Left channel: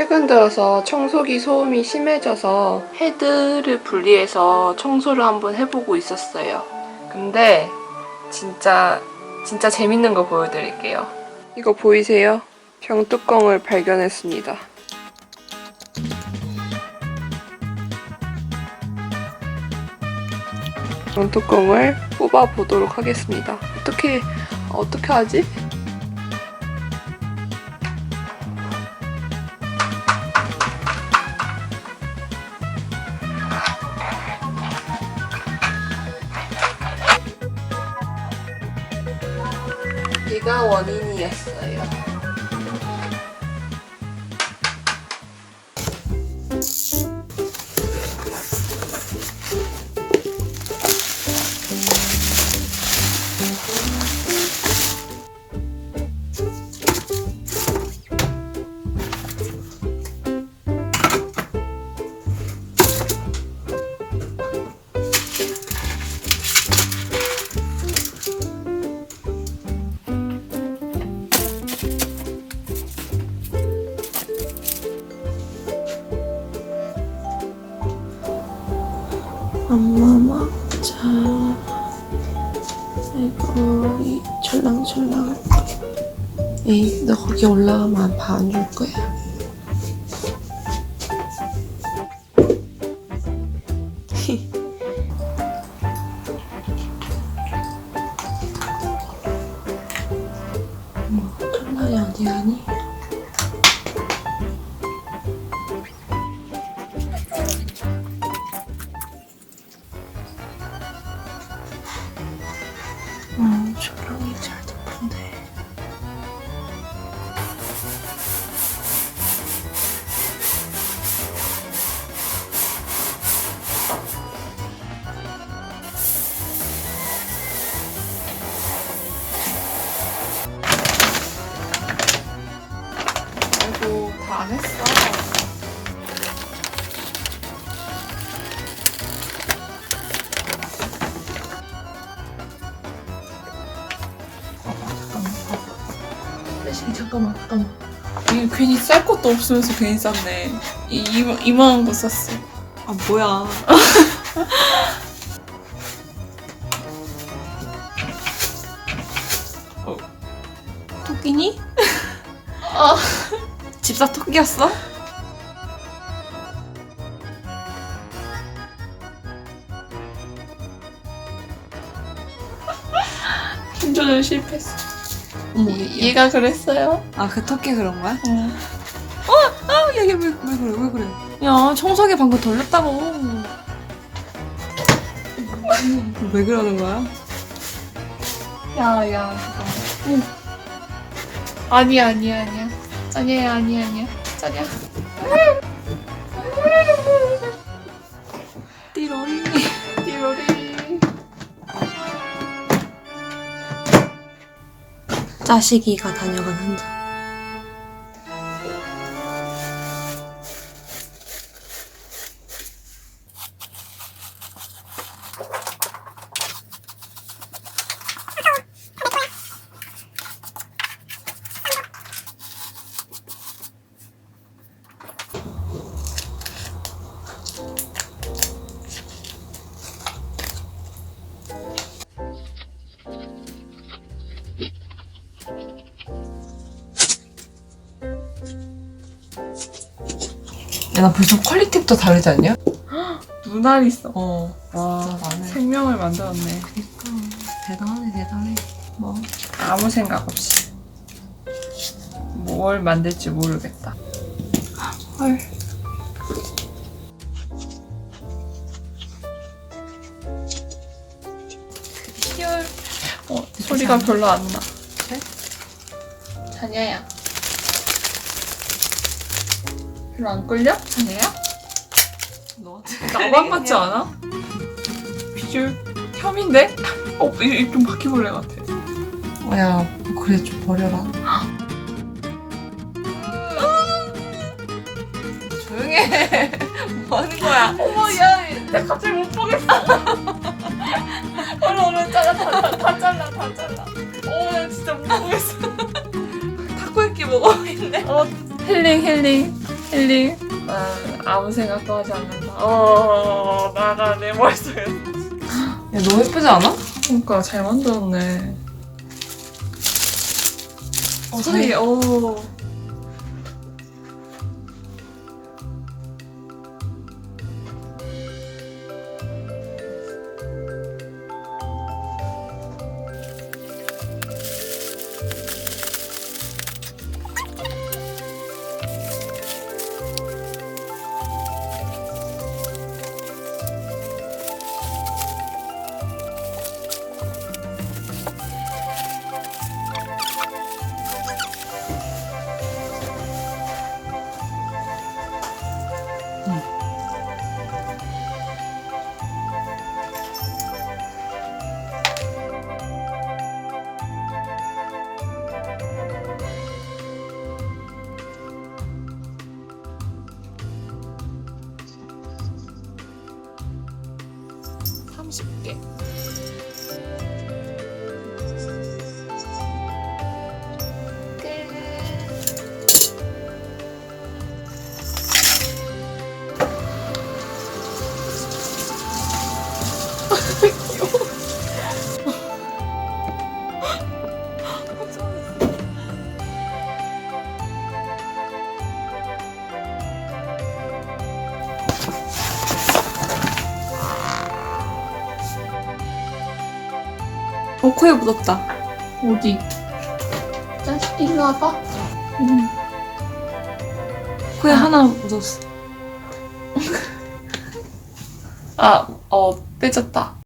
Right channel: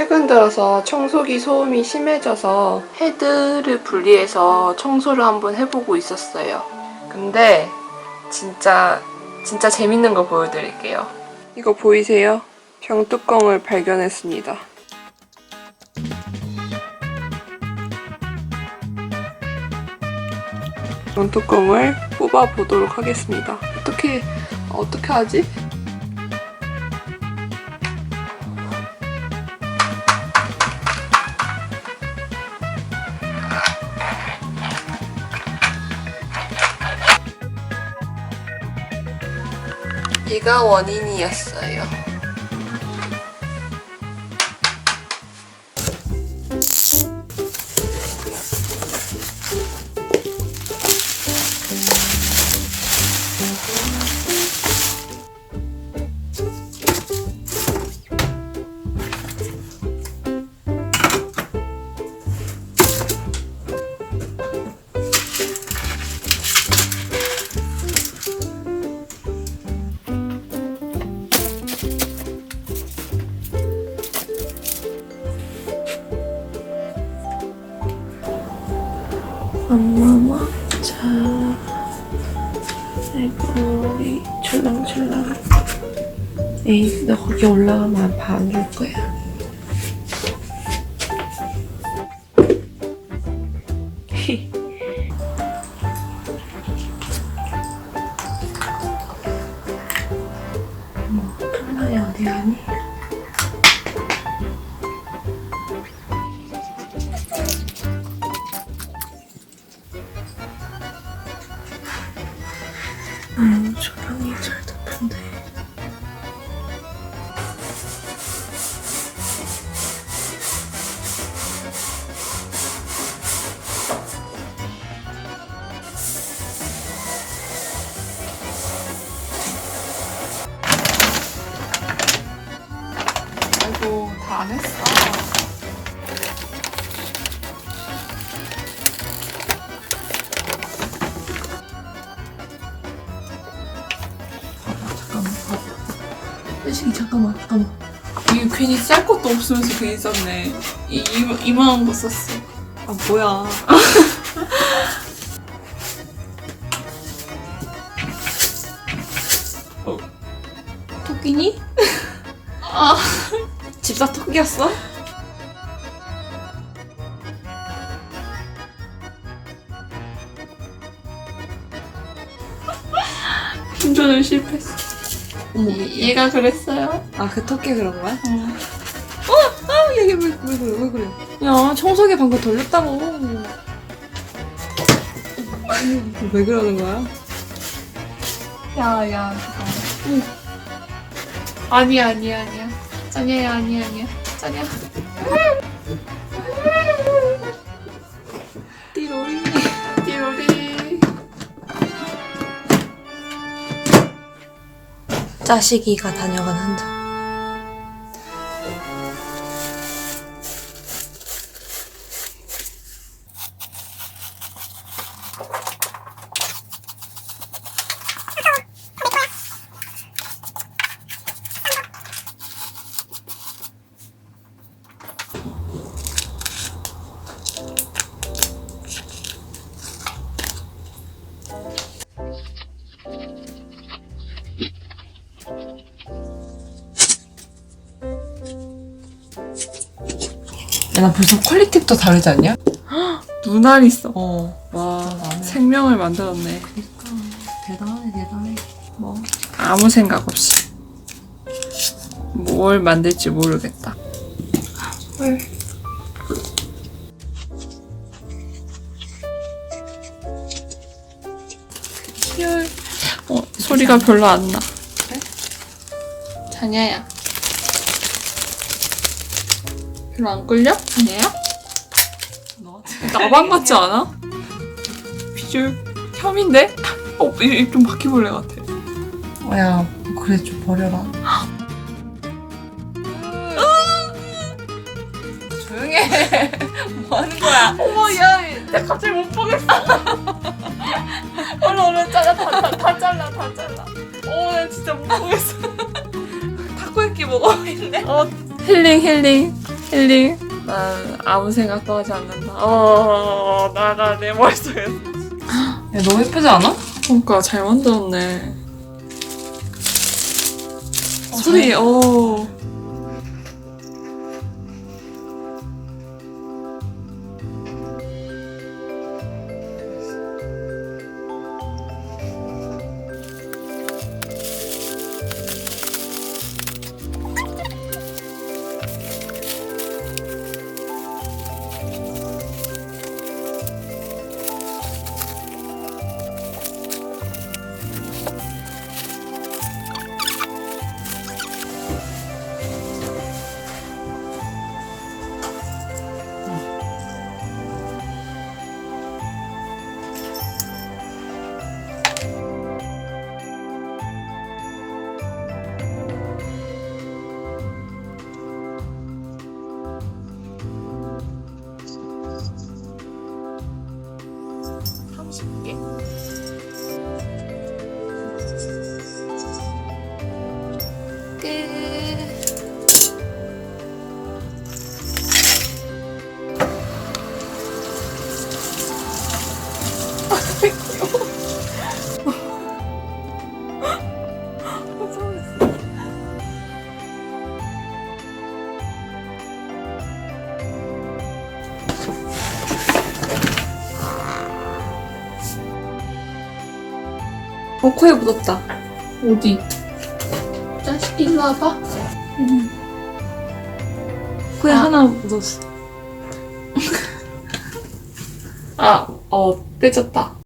최근 들어서 청소기 소음이 심해져서 헤드를 분리해서 청소를 한번 해보고 있었어요. 근데 진짜 진짜 재밌는 거 보여드릴게요. 이거 보이세요? 병뚜껑을 발견했습니다. 병뚜껑을 뽑아 보도록 하겠습니다. 어떻게 어떻게 하지? 이가 원인이었어요. 엄마 먹자. 아이고, 이 철랑철랑. 에이, 너 거기 올라가면 안줄 거야. 혜식이 잠깐만, 잠깐만. 이게 괜히 쌀 것도 없으면서 괜히 쌌네. 이 이마, 이만한 거 쌌어. 아, 뭐야. 토끼니? 아. 집사 토끼였어? 힘조절 실패했어. 어머, 이- 얘가 그랬어요. 아, 그 토끼 그런 거야? 어. 아, 얘, 얘 왜, 왜 그래, 왜 그래. 야, 청소기 방금 돌렸다고. 왜 그러는 거야? 야, 야, 잠깐만. 아니야, 아니야, 아니야. 짜냐야, 아니야, 아니야. 짜냐. 짜식이가 다녀간 흔적. 야, 나 벌써 퀄리티부터 다르지 않냐? 눈알 있어. 어. 와. 생명을 만들었네. 대단하네, 대단해. 뭐. 아무 생각 없이. 뭘 만들지 모르겠다. 헐. 희열. 어, 소리가 별로 안 나. 그래? 자냐야. 별로 안 끌려? 자냐야? 너 나만 같지 않아? 비주얼 혐인데? 어, 이- 이좀 바퀴벌레 같아. 어, 야, 그래, 좀 버려라. 조용히 해. 뭐 하는 거야? 어머, 야, 나 갑자기 못 보겠어. 얼른 얼른 잘라, 다, 다, 다 잘라, 다 잘라. 어, 나 진짜 못 보겠어. 타코야끼 먹어 있네. 어, 힐링, 힐링. 힐링? 난 아무 생각도 하지 않는다. 어, 나, 나, 내 머릿속에. 야, 너무 예쁘지 않아? 그러니까 잘 만들었네. 어, 소리, 어. 어 코에 묻었다. 어디? 자식 일로 와봐. 코에 하나 묻었어. 아, 어, 떼졌다.